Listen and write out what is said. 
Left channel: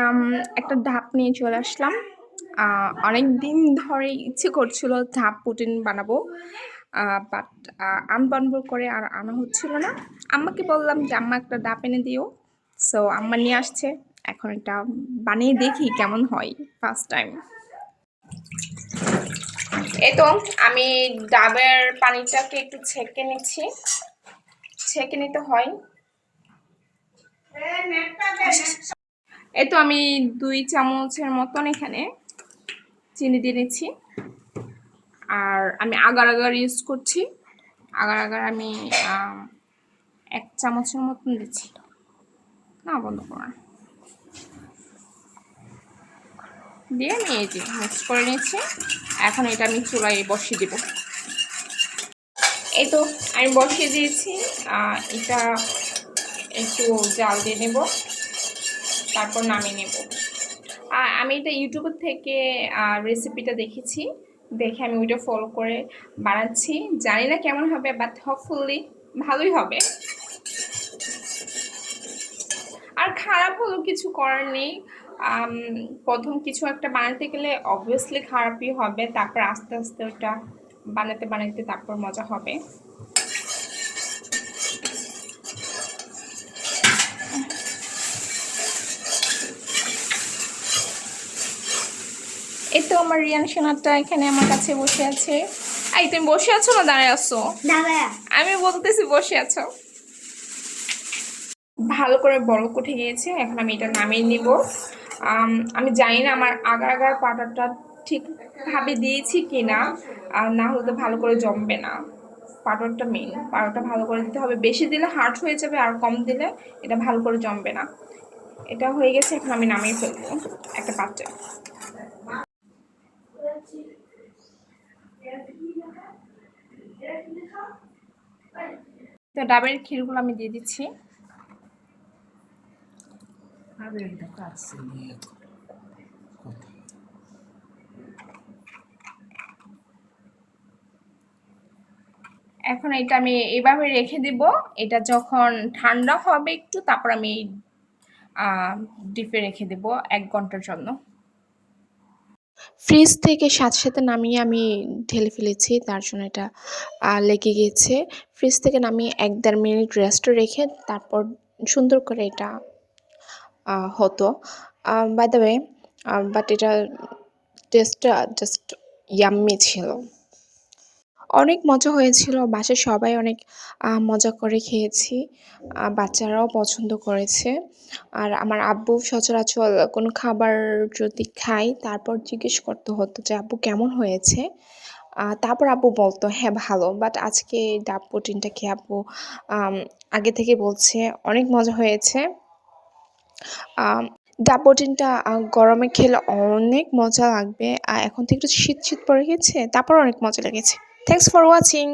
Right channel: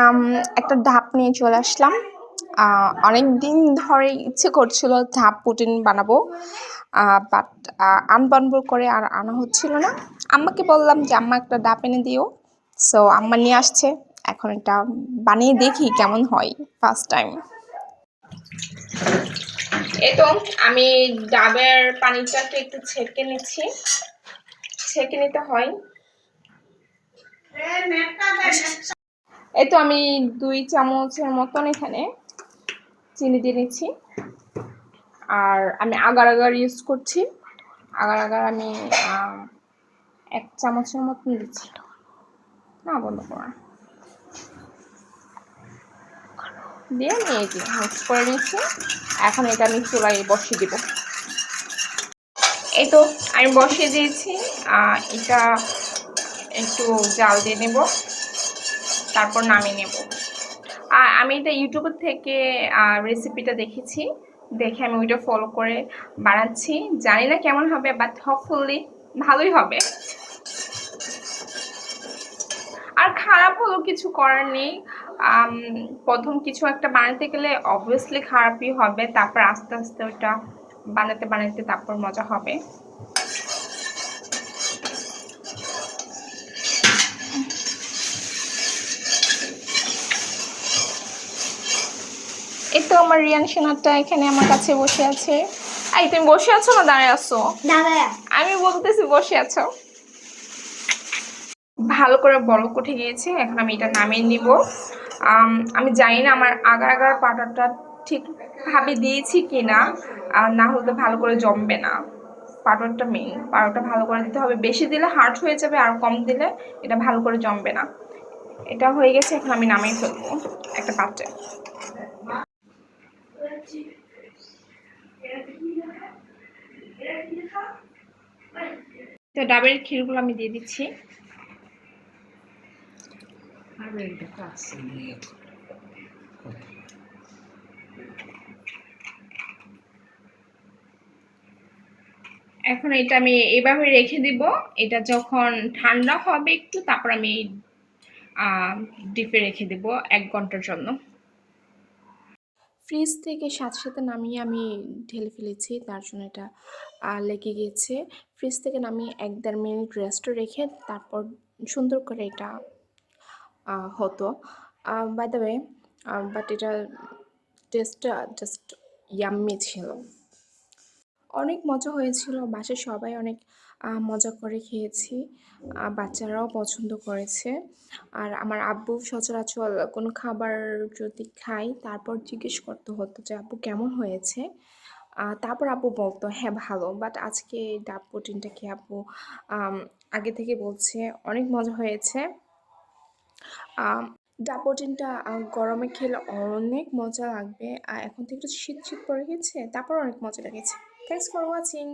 আম একটা ধাপ নিয়ে চলে আসলাম। অনেক দিন ধরে ইচ্ছে করছিল ধাপ পুডিং বানাবো। বাট আনবানাবো করে আর আনা হচ্ছিল না। আম্মাকে বললাম যে, "আম্মা একটা ডাব এনে দিও।" সো আম্মা নিয়ে আসছে। এখন এটা বানিয়ে দেখি কেমন হয় ফার্স্ট টাইম। এই তো আমি ডাবের পানিটাকে একটু ছেঁকে নিচ্ছি। ছেঁকে নিতে হয়। এই তো আমি 2 চামচের মতন এখানে চিনি দিয়ে নিচ্ছি। আর আমি আগার ইউজ করছি। আগার আমি 1 চামচের মতন দিচ্ছি। না বন্ধ করা দিয়ে নিয়ে যে মিক্স করে নিচ্ছি। এখন এটা আমি চুলায় বসিয়ে দিব। এই তো আমি বসিয়ে দিয়েছি। এটা একটু জাল দিয়ে নেব, তারপর নামিয়ে নেব। আমি এটা ইউটিউব থেকে রেসিপিটা দেখেছি, দেখে আমি ওইটা ফলো করে বানাচ্ছি। জানি না কেমন হবে, বাট হোপফুলি ভালোই হবে। আর খারাপ হলো কিছু করার নেই। প্রথম কিছু একটা বানাতে গেলে অবভিয়াসলি খারাপই হবে, তারপর আস্তে আস্তে ওটা বানাতে বানাতে তারপর মজা হবে। এই তো আমার রিয়ান সোনারটা এখানে আমার কাছে বসে আছে। এই তুমি বসে আছো না দাঁড়ায় আছো? আমি বলতেছি বসে আছো। ভালো করে বলক উঠে গিয়েছে। এখন আমি এটা নামিয়ে নিব। আমি জানি না আমার আগার পাউডারটা ঠিকভাবে দিয়েছি কিনা, না হলে তো ভালো করে জমবে না। পাউডারটা মেইন, পাউডারটা ভালো করে দিতে হবে। বেশি দিলে হার্ড হয়ে যাবে, আর কম দিলে এটা ভালো করে জমবে না। এটা হয়ে গেছে, এখন আমি নামিয়ে ফেলবো একটা পাত্রে। তো ডাবের ক্ষীরগুলো আমি দিয়ে দিচ্ছি। এখন এটা আমি এইভাবে রেখে দিব। এটা যখন ঠান্ডা হবে একটু, তারপর আমি ডিপে রেখে দেব 1 ঘন্টার জন্য। ফ্রিজ থেকে সাথে সাথে নামিয়ে আমি ঢেলে ফেলেছি, তার জন্য এটা লেগে গিয়েছে। ফ্রিজ থেকে নামিয়ে 1-1.5 মিনিট রেস্টে রেখে তারপর সুন্দর করে এটা হতো। বাই দ্য ওয়ে, বাট এটা টেস্টটা জাস্ট ইয়াম্মি ছিল। অনেক মজা হয়েছিল। বাসায় সবাই অনেক মজা করে খেয়েছি। বাচ্চারাও পছন্দ করেছে। আর আমার আব্বু সচরাচর কোনো খাবার যদি খাই, তারপর জিজ্ঞেস করতে হতো যে, "আব্বু কেমন হয়েছে?" তারপর আব্বু বলতো, "হ্যাঁ, ভালো।" বাট আজকে ডাব পুডিংটা খেয়ে আব্বু আগে থেকে বলছে অনেক মজা হয়েছে। ডাব পুডিংটা গরমে খেলে অনেক মজা লাগবে। এখন তো একটু শীত পড়ে গেছে, তারপর অনেক মজা লেগেছে। Thanks for watching.